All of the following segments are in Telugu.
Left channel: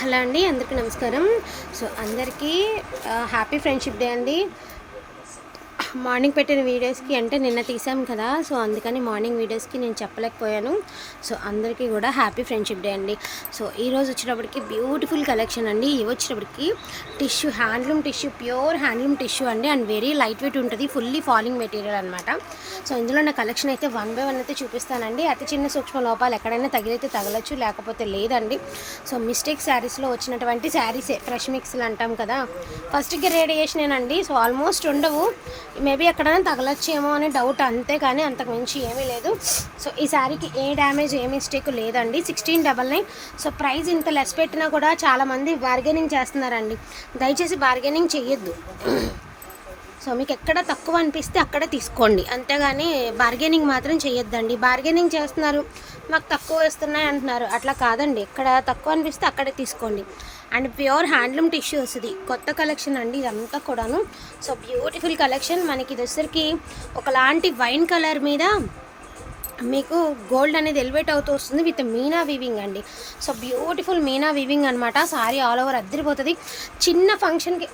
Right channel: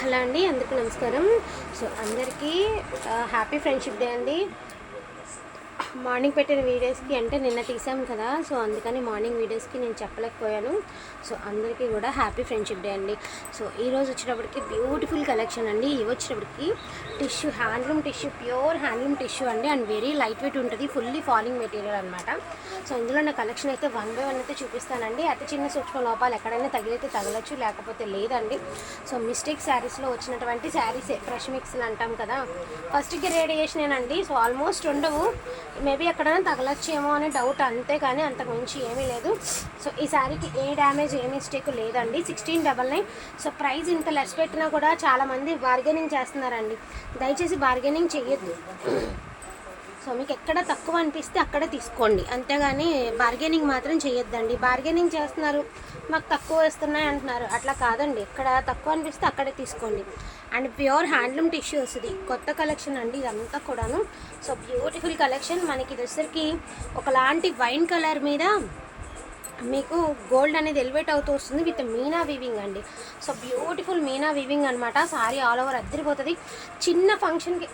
హలో అండి అందరికీ నమస్కారం. సో అందరికీ హ్యాపీ ఫ్రెండ్షిప్ డే అండి. మార్నింగ్ పెట్టిన వీడియోస్కి అంటే నిన్న తీసాం కదా సో అందుకని మార్నింగ్ వీడియోస్కి నేను చెప్పలేకపోయాను. సో అందరికీ కూడా హ్యాపీ ఫ్రెండ్షిప్ డే అండి. సో ఈరోజు వచ్చినప్పటికి బ్యూటిఫుల్ కలెక్షన్ అండి. ఇవి వచ్చినప్పటికి tissue handloom tissue pure handloom tissue అండి. అండ్ వెరీ లైట్ వెయిట్ ఉంటుంది ఫుల్లీ ఫాలింగ్ మెటీరియల్ అనమాట సో ఇందులో నా కలెక్షన్ అయితే వన్ బై వన్ అయితే చూపిస్తానండి. అతి చిన్న సూక్ష్మ లోపాలు ఎక్కడైనా తగిలితే తగలచ్చు లేకపోతే లేదండి. సో మిస్టేక్ శారీస్లో వచ్చినటువంటి శారీసే ఫ్రెష్ మిక్స్లు అంటాం కదా. ఫస్ట్కి రేడియేషనేనండి సో ఆల్మోస్ట్ ఉండవు. మేబీ ఎక్కడైనా తగలచ్చేమో అనే డౌట్ అంతే కానీ అంతకుమించి ఏమీ లేదు. సో ఈ శారీకి ఏ డ్యామేజ్ ఏ మిస్టేక్ లేదండి. Sixteen double nine so price ఇంత లెస్ పెట్టినా కూడా చాలామంది బార్గెనింగ్ చేస్తున్నారండి. దయచేసి బార్గెనింగ్ చేయొద్దు సో మీకు ఎక్కడ తక్కువ అనిపిస్తే అక్కడే తీసుకోండి. అంతేగాని బార్గెనింగ్ మాత్రం చేయొద్దండి బార్గెనింగ్ చేస్తున్నారు. మాకు తక్కువ వేస్తున్నాయి అంటున్నారు. అట్లా కాదండి. ఎక్కడ తక్కువ అనిపిస్తే అక్కడే తీసుకోండి. అండ్ ప్యూర్ హ్యాండ్లూమ్ టిష్యూస్ వస్తుంది కొత్త కలెక్షన్ అండి. ఇదంతా కూడాను. సో బ్యూటిఫుల్ కలెక్షన్ మనకి ఇది వచ్చరికి ఒకలాంటి వైన్ కలర్ మీద మీకు గోల్డ్ అనేది ఎలివేట్ అవుతూ వస్తుంది విత్ మీనా వీవింగ్ అండి. సో బ్యూటిఫుల్ మీనా వీవింగ్ అనమాట సారీ ఆల్ ఓవర్ అద్దరిపోతుంది. చిన్న ఫంక్షన్కి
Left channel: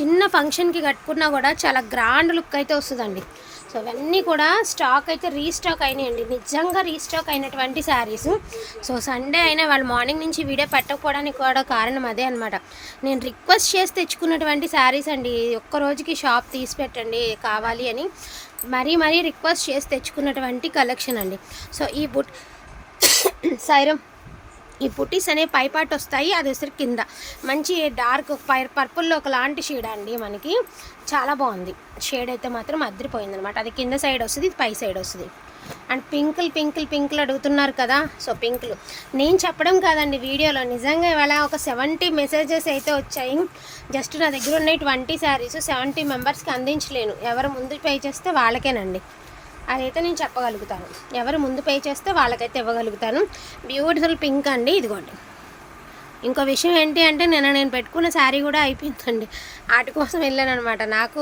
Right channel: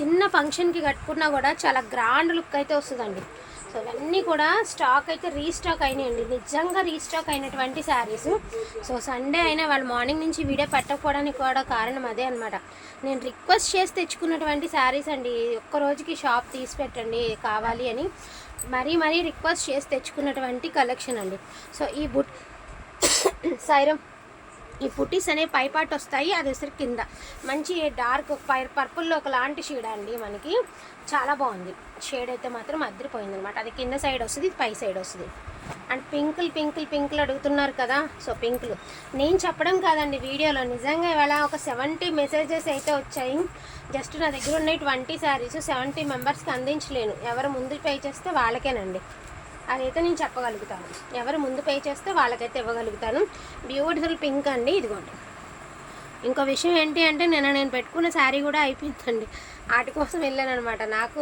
చిన్న ఫంక్షన్కి కట్టుకున్నా కూడా చాలా గ్రాండ్ లుక్ అయితే వస్తుందండి. సో ఇవన్నీ కూడా స్టాక్ అయితే రీస్టాక్ అయినాయండి. నిజంగా రీస్టాక్ అయినటువంటి శారీస్ సో సండే అయినా వాళ్ళు మార్నింగ్ నుంచి వీడియో పెట్టకపోవడానికి కూడా కారణం అదే అనమాట నేను రిక్వెస్ట్ చేసి తెచ్చుకున్నటువంటి శారీస్ అండి. ఒక్క రోజుకి షాప్ తీసి పెట్టండి కావాలి అని. మరీ మరీ రిక్వెస్ట్ చేసి తెచ్చుకున్నటువంటి కలెక్షన్ అండి. సో ఈ బుట్ సైరం ఈ పుట్టిస్ అనే పైపాటు వస్తాయి అది ఉసిరి కింద. మంచి డార్క్ పై పర్పుల్లో ఒకలాంటి షేడ్ అండి మనకి. చాలా బాగుంది. షేడ్ అయితే మాత్రం అద్దరిపోయింది అనమాట అది కింద సైడ్ వస్తుంది ఇది పై సైడ్ వస్తుంది. అండ్ పింకుల్ పింకుల్ పింకులు అడుగుతున్నారు కదా సో పింకులు. నేను చెప్పడం కాదండి వీడియోలో నిజంగా ఇవాళ ఒక సెవెంటీ మెసేజెస్ అయితే వచ్చాయి. జస్ట్ నా దగ్గర ఉన్నాయి ట్వంటీ శారీస్ సెవెంటీ మెంబర్స్కి అందించలేను. ఎవరు ముందు పే చేస్తే వాళ్ళకేనండి. అదైతే నేను చెప్పగలుగుతాను. ఎవరు ముందు పే చేస్తే వాళ్ళకైతే ఇవ్వగలుగుతాను. బ్యూటిఫుల్ పింక్ అండి ఇదిగోండి. ఇంకో విషయం ఏంటి అంటే నిన్న నేను పెట్టుకున్న శారీ కూడా అయిపోయిందండి. వాటి కోసం వెళ్ళాను అనమాట నాకు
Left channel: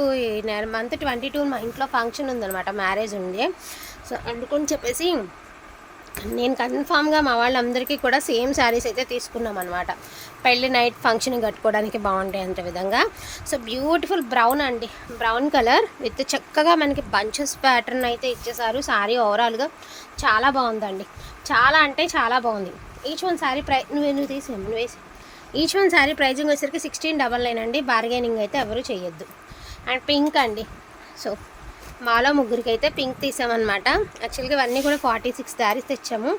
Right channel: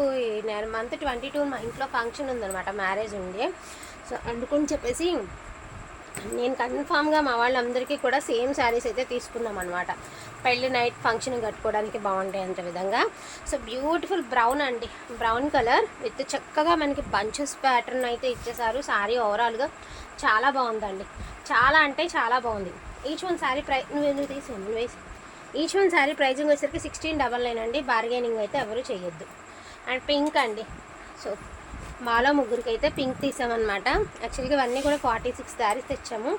మంత్ ట్వంటీ టూ మా ఇంట్లో ఫంక్షన్ ఉందనమాట మ్యారేజ్ ఉంది. సో అందుకని చెప్పేసి నేను కన్ఫామ్గా మా వాళ్ళందరికీ కూడా సేమ్ శారీస్ అయితే తీసుకున్నాం అనమాట పెళ్ళి నైట్ ఫంక్షన్ కట్టుకోవడానికి బాగుంటాయి అంత విధంగా. సో బ్యూటిఫుల్ బ్రౌన్ అండి. బ్రౌన్ కలర్ విత్ చక్కగా మనకి బంచెస్ ప్యాటర్న్ అయితే ఇచ్చేసారు. శారీ ఓవరాల్గా చాలా బాగుందండి. చాలా అంటే చాలా బాగుంది. ఈచ్ వన్ శారీ ప్రై నువ్వు నువ్వు తీసి నువ్వు వేసి ఈచ్ వన్ శారీ ప్రైజింగ్ వచ్చేసరికి సిక్స్టీన్ డబల్ నైన్ అండి. బార్గెనింగ్ అయితే ఎవరు చేయొద్దు. అండ్ పింక్ అండి. సో మాలో ముగ్గురికి అయితే పింక్ తీసామన్నమాట. యాక్చువల్గా ఇవన్నీ కూడా ఫార్టీ సిక్స్ శారీస్ తెచ్చాము.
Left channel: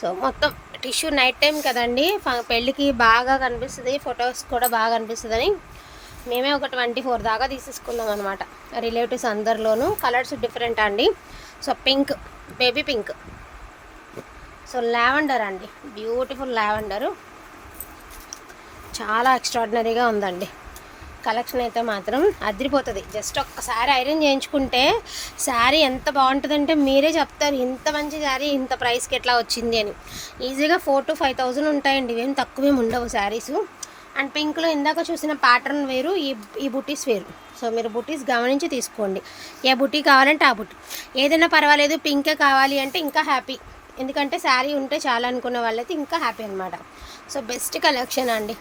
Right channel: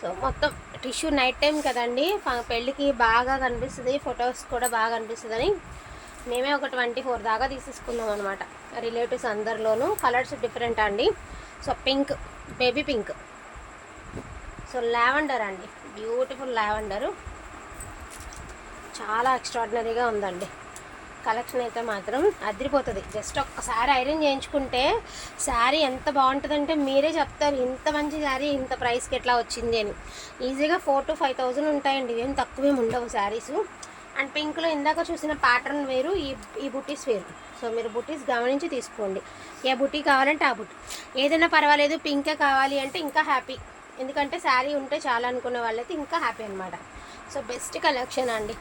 సో మొత్తం టిష్యూ నైట్ టైం కదండి పెళ్ళికి బాగా కనిపిస్తుంది ఫొటోస్ కూడా బాగా కనిపిస్తుందని. మేమే ఒక ట్వంటీ ఫోర్ దాకా తీసేసుకున్నాం అనమాట రిలేటివ్స్ అందరిలోనూ. కలర్స్ డిఫరెంట్ అండి. So pink baby pink. So lavender అండి. Beautiful lavender. చాలా ఎక్స్ట్రాడినరీగా ఉందండి. కలెక్షన్ అయితే మాత్రం అదిరిపోతుంది. జస్ట్ ఒక్కసారి ఐరన్ చేయించుకుంటే శారీ ఎంత బాగుంటుందంటే మీరే చెప్తారు ఇంత మంచి శారీ ఇంత ప్రైస్కి ఎట్లా వచ్చింది అని. ఈజీగా ఫోర్ టు ఫైవ్ థౌజండ్ ఉంటాయండి ఇవేం తక్కువేం ఉండవు శారీస్. అండ్ పింక్లో ఇందాక చూసిన ప్యాటర్న్ వేరు ఈ ఈ బుటీస్ వేరు. సో మీరు బుటీస్ గమనించి తీసుకోండి. ఏ బుటీ కావాలంటే ఆ బుటీ. ఏదైనా పర్వాలేదు పింకే కావాలి అంటే ఇంకా హ్యాపీ. ఎందుకంటే శారీ ఉంటే చాలా అనుకున్న వాళ్ళైతే ఇంకా హ్యాపీ అనమాట సో బెస్ట్ కలెక్షన్ అండి.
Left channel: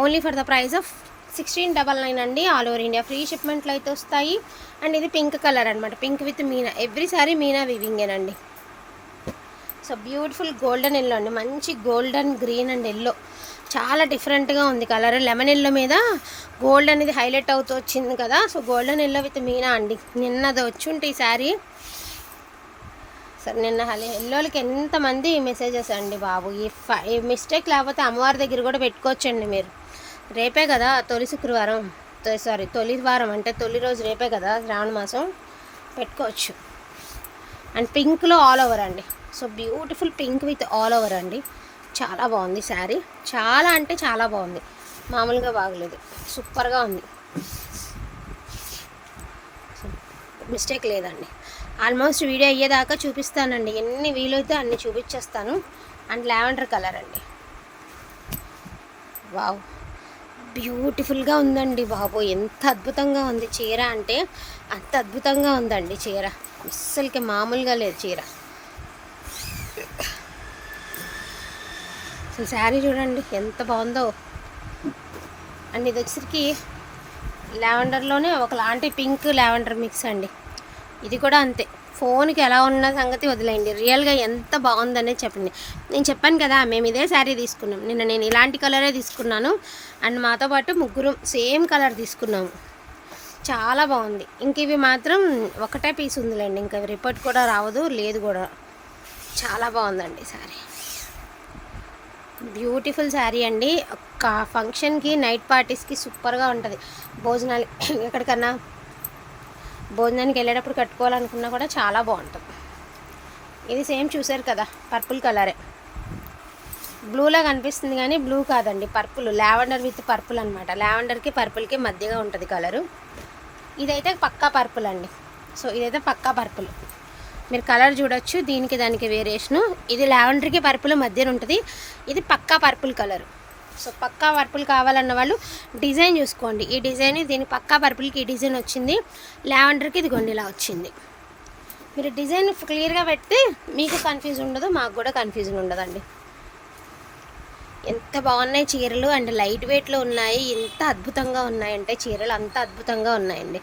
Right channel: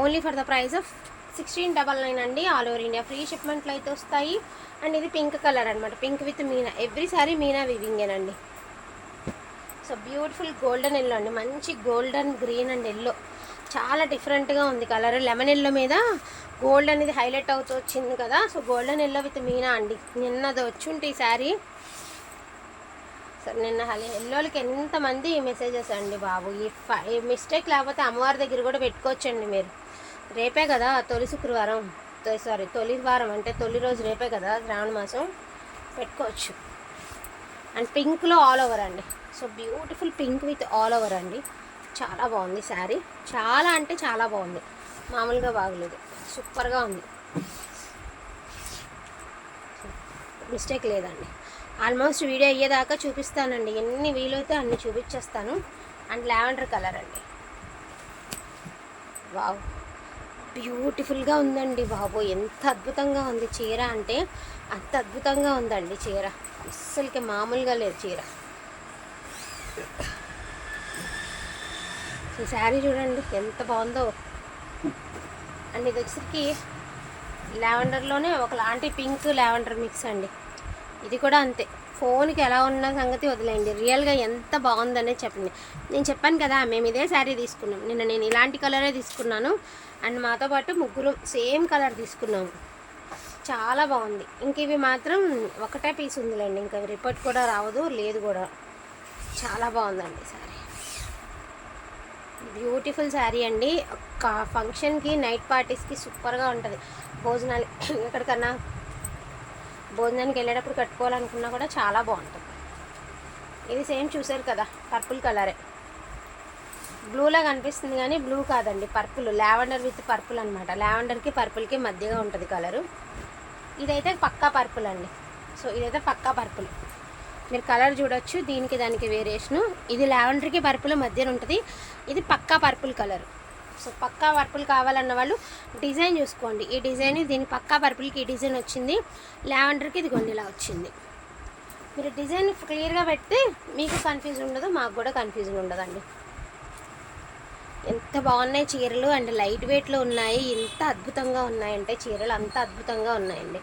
Only for the price of sixteen double nine అండి ఆల్ ఓవర్ ఇండియా. ఫ్రీ షిప్మెంట్లు అయితే వస్తాయి. అండ్ ఇది పింక్ కలర్ అనమాట pink with meena. Every sari meena వివింగేనండి so beautiful golden yellow అండి. మంచి గోల్డెన్ గ్రీన్ అండ్ ఎల్లో. చాలా డిఫరెంట్గా ఉంది కలర్. లెమన్ ఎల్లో మీద గోల్డ్ అనేది హైలైట్ అవుతూ వచ్చింది కదా. So golden yellow with meena అండి. నిన్నది వచ్చి ఈ శారీ సరే నిన్న హలి ఎల్లోలకి ఎంతమంది మెసేజెస్ అండి బాబు. ఈ ఫ- ఈ మిస్టేక్ లేకపోతే అమ్మవారి దగ్గర కూడా పెట్టుకోవచ్చండి మీరు. రేపే కదా తొలి శుక్రవారం. సారీ తొలి వారం అంటే తొలి రోజు రేపే కదా శ్రావణ మాసం. పెట్టుకోవచ్చు. అండ్ పింక్లో ఆల్ ఓవర్ అండి. So beautiful pink with all over అండి. చాలా బాగుంది శారీ. చాలా అంటే చాలా బాగుంది. మామూలుగా బాగలేదు. సూపర్గా ఉంది. మిస్టేక్ లేదండి. ఆల్మోస్ట్ వీడియో అయ్యేదాకా చూపిస్తానండి. ఎన్ని వీలైతే అన్ని చూపించేస్తాను. అండ్ లావెండర్ కలర్ అండి. వావ్. బ్యూటిఫుల్గా ఉందండి బాబు. ఎంత అద్భుతంగా ఉంది చీర అంటే అంత అద్భుతంగా ఉందండి చీర. అస్సలకి మామూలుగా లేదు చీర. శారీ చూడండి ఎంత బాగుందో. అండ్ ఇది వచ్చేసరికి లావెండర్లోనే ఒకలాంటి పింక్ లావెండర్ మిక్స్ అండి. ఇది కూడా అంతే. ఫోన్కి ఎలా ఉన్న సంగతి వదిలేయండి. రియల్గా ఎంత బాగుందనే చెప్పండి. నేను చెప్పాను కదా మేము ఇదే శారీ తీసుకున్నాం. నిన్న నేను ఇలాంటి కలరే తీసుకున్నాను. అండ్ మాతో పాటు ముగ్గురు సేమ్ కలర్ తీసుకున్నాము. చాలా బాగుంది. ఇంక ఇవి మాత్రం ఒకటే పీస్ ఉందిలేండి. ఇంకా రిపోర్ట్ కూడా రావదు లేదు కూడా. చాలా బాగుందండి శారీ. బ్యూటిఫుల్ శారీ అండి. ఒక ఫంక్షన్కి నైట్ పార్టీస్కి సూపర్గా ఉంటుంది. భోజనాలు ఎక్కడికన్నా భోజనానికి వెళ్ళేటప్పుడు కట్టుకోవాలనుకున్నా కూడా చాలా బాగుంటుంది. ఇది సేమ్ చూసారు కదా పర్పుల్ కలరే. బ్లూలా కనిపిస్తుంది కానీ బ్లూ కాదండి పర్పుల్. లావెండర్ విత్ పర్పుల్ అనమాట లావెండర్కి పర్పుల్కి మధ్యగా ఉంటుంది కలరు. ఇదైతే పక్కా పర్పుల్ అండి. సో ఇదైతే పక్కా పర్పుల్. మీరు కలర్ చూడొచ్చు దీనికి దానికి వేరియేషను. ఇది లావెండర్కి పర్పుల్ మధ్యన ఉంటుంది. ఇది పక్కా పర్పుల్ కలర్. సో పక్కా పర్పుల్ కావాలన్న వాళ్ళు డిజైన్ చూసుకోండి. ఈ డిజైన్ దీని పక్కా పర్పుల్కి ఈ డిజైన్ వచ్చింది. లావెండర్కి ఇది గొండిలా వచ్చింది. మీరు డిజైన్ క్లియర్గా పెడితే మీకు కన్ఫ్యూజన్ ఉండదు మాకు కూడా కన్ఫ్యూజన్ ఉండదండి. ఎంత బాగున్నాయి చీరలు అండ్ లైట్ వెయిట్లో ఉన్నాయి. ఎంత అద్భుతంగా ఉన్నాయంటే చీరలు అంత అద్భుతంగా ఉన్నాయండి.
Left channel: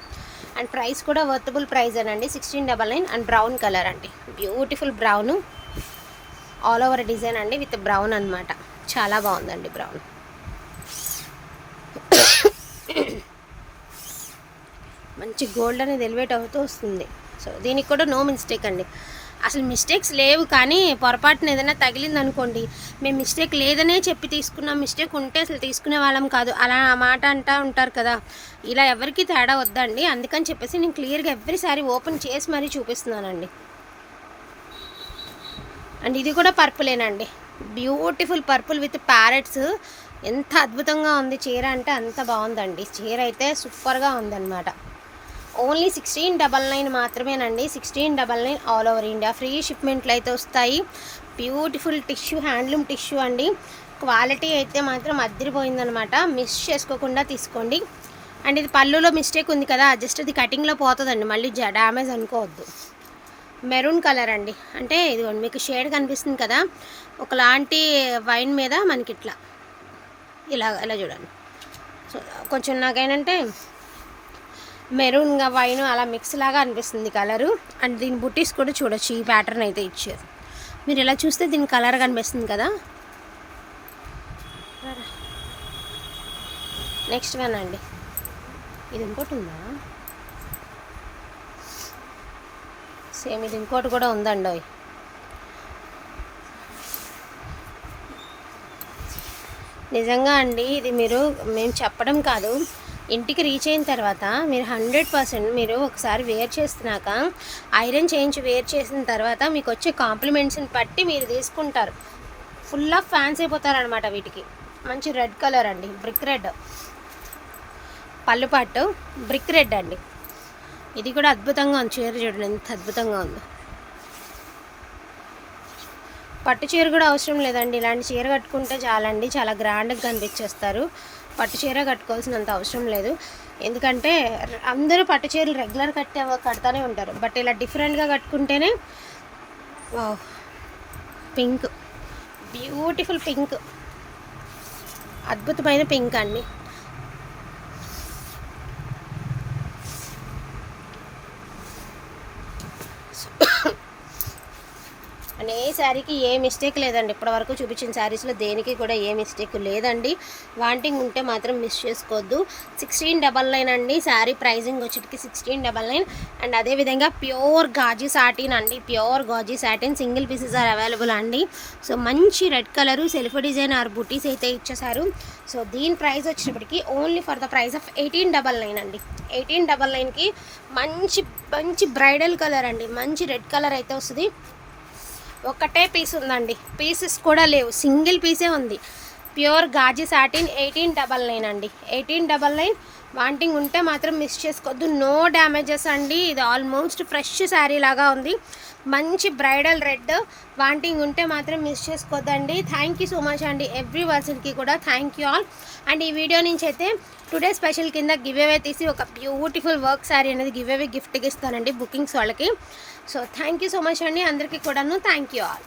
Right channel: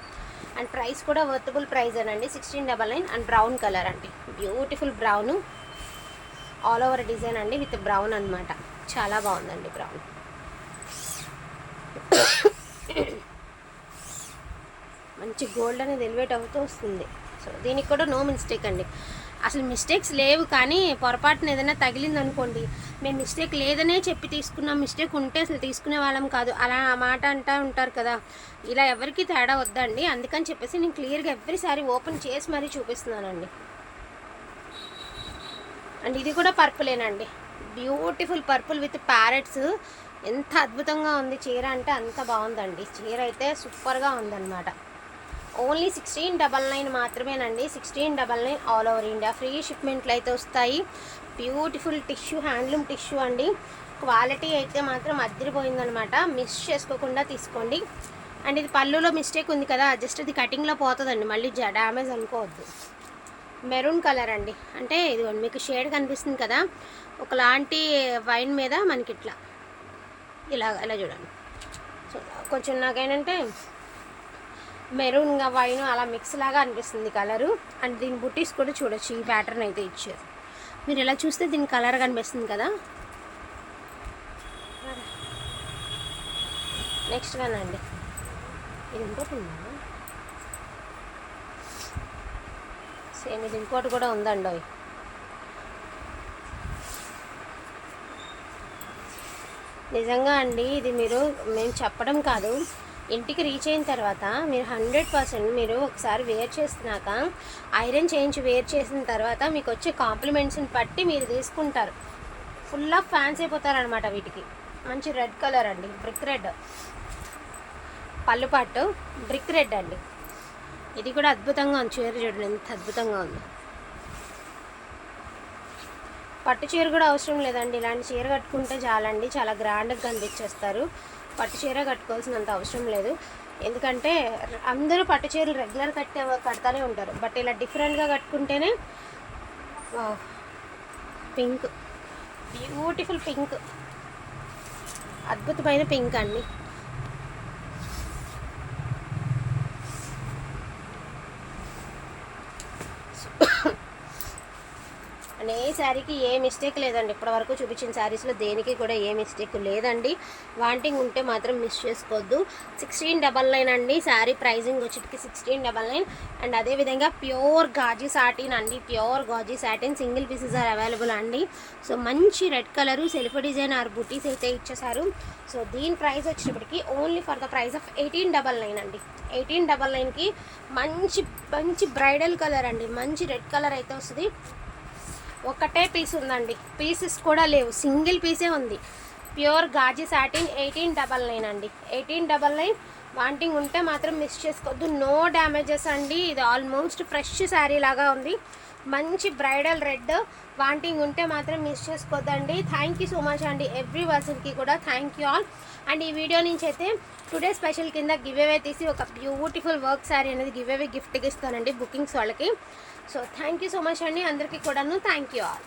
అండ్ ప్రైస్ కూడా వర్తబుల్ ప్రైస్ అండి sixteen double nine and brown colour అండి. Beautiful brown all over design అండి విత్ బ్రౌన్ అన్నమాట. చాలా బాగుందండి బ్రౌన్. మంచి గోల్డ్ అనేది ఎలివేట్ అవుతూ వస్తుంది. సో దీనికి కూడా నో మిస్టేక్ అండి. అసలు మిస్టేక్స్ లేవు కానీ పొరపాటున ఏదైనా తగిలింది అనుకోండి మేము మిస్టేక్ లేదనే చెప్పి తీసుకున్నాం మిస్టేక్ ఉంటే అసలు తీసుకునే వాళ్ళం కాదు. అలా ఆ మాట అంటా ఉంటారు కదా. ఇలా ఎవరికి తేడా వద్దండి. అందుకని చెప్పేసి నేను క్లియర్గా ఎవ్రీసారి ఓపెన్ చేసి మరీ చూపిస్తున్నానండి. అండ్ ఇది కూడా పర్పులేనండి. Beautiful purple with parrots. ఎంత అద్భుతంగా ఉంది చీర అంటే అంత బాగుందండి. చీర అయితే సూపర్గా ఉందన్నమాట. ఓన్లీ సిక్స్టీన్ డబల్ నైన్ మాత్రమేనండి. Sixteen double nine all over India. Free షిప్మెంట్లు అయితే వస్తాయి. బ్యూటిఫుల్ టిష్యూ హ్యాండ్లూమ్ టిష్యూ అండి. క్వాలిటీ అయితే మాత్రం అద్దరిపోయిందనమాట మిస్ చేసుకోకుండా తీసుకోండి. అండ్ ఇది పళ్ళులో మిస్టేక్ ఉంది కదా జస్ట్ అది కటింగ్లో పోతుందండి. మళ్ళీ డ్యామేజ్ అనుకోవద్దు. మెరూన్ కలర్ అండి. అంటే ఇది మీకు షేడ్ కనిపిస్తుంది కదా ఒకలాంటి వైన్ మీద మనకి ఇట్లా ఇలా ఇలా చూడండి. సో కొంచెం నాకేంటంటే మెరూన్గా వైన్ అలా మిక్స్ లాగా అనిపిస్తుంది కలరు. అండ్ దీని బుట్టీస్ కూడా చూడొచ్చు ఈ ప్యాటర్న్ అయితే ఇచ్చారు మీరు ఇలా చూస్తే దీని కలర్ కనిపిస్తుంది కదా. నెక్స్ట్ కానండి ఇది ఇంకోటి ఉందా? సేమ్ ఇది ఇంకోటి కూడా ఉందండి అవి. నిజంగా అండి ఇది మీరు మేము చెప్పడం కాదు. ఇంటికి రీచ్ అయిన తర్వాత మీరు హండ్రెడ్ పర్సెంట్ మీరు ఒకసారి వేర్ చేస్తున్నాక ఐరన్ చేయించి వేర్ చేసిన తర్వాత మీకు వచ్చే కాంప్లిమెంట్స్ని బట్టి మీరు తీసుకుంటారు. ఫుల్ ఆఫ్ ఫ్యాన్స్ అయిపోతారనమాట వీటికి. మంచి రెడ్ కలర్ అండి బ్రిక్ రెడ్. పళ్ళు పట్టు బ్రిక్ రెడ్ అండి. ఇది కూడా అద్భుతంగా ఉంది చీర చూడండి ఎంత అద్భుతంగా ఉంది. పట్టు చీర కూడా అవసరం లేదండి. ఇలాంటి చీర కట్టుకుంటే చాలండి చాలా గ్రాండ్గా కనిపించేస్తారు. పట్టు చీర కట్టుకోవాల్సినంత అవసరం లేదు. ఎందుకంటే అందరూ పట్టు చీరలు రెగ్యులర్ కట్టే కడతానే ఉంటారు. బట్ ఇలా డిఫరెంట్గా కట్టుకుంటేనే పింక్. Beautiful pink. అద్భుతమైన పింక్ అండి. అండ్ ఏ శారీకి ఏ మిస్టేక్ లేదండి. ఇప్పటివరకు చూపించిన శారీస్లో దేనికి కూడా ఏ మిస్టేక్ లేదండి. వాంటింగ్ ఉంటే మాత్రం మిస్ చేసుకోవద్దు. సిక్స్టీన్ డబల్ నైన్ అండి. శారీ ప్రైజింగ్ వచ్చేటికి సిక్స్టీన్ డబల్ నైన్. అండ్ అదేవిధంగా ప్యూర్ గాజీ సాటిన్ అండి. Pure gaji satin. Single pieces are available అండి. సో మంచి red colour self design or బుటీస్ అయితే ఇచ్చేసారు సో దీని ప్రైస్ వచ్చేటప్పటికి only for the price of eighteen double nine అండి. ఎయిటీన్ డబల్ నైన్కి మంచి మంచి బ్రైడల్ కలర్ అండి. మంచి రెడ్ కలర్ అయితే వస్తుంది. ఒకటే పీస్ ఉందండి. పీసెస్ కూడా లేవు. సింగిల్ పీసే ఉంది. Pure gaji satin eighteen double nine అండి. ఎయిటీన్ డబల్ నైన్ వాంటింగ్ ఉంటే మాత్రం మిస్ చేసుకోవద్దు. నో డ్యామేజెస్ అండి. ఇది ఆల్మోస్ట్ ఫ్రెష్ శారీ లాగా ఉంది. మంచి బ్రైడల్ రెడ్ వాంటింగ్ ఉంటే మాత్రం మిస్ చేసుకోవద్దండి. థ్యాంక్ యూ సో మచ్ అండి. ఎవ్రీ పర్సన్కి కూడా థ్యాంక్ యూ ఆల్ అండ్ ఈ వీడియో నుంచి అయితే టుడే స్పెషల్ కింద గివ్ అవే తీసి ఒక బ్యూటిఫుల్ వర్క్ శారీ అనేది గివ్ అవే గిఫ్ట్గా ఇస్తానండి బుకింగ్స్ వాళ్ళకి. So thank you so much అండి. అందరికీ కూడాను థ్యాంక్ యూ ఆల్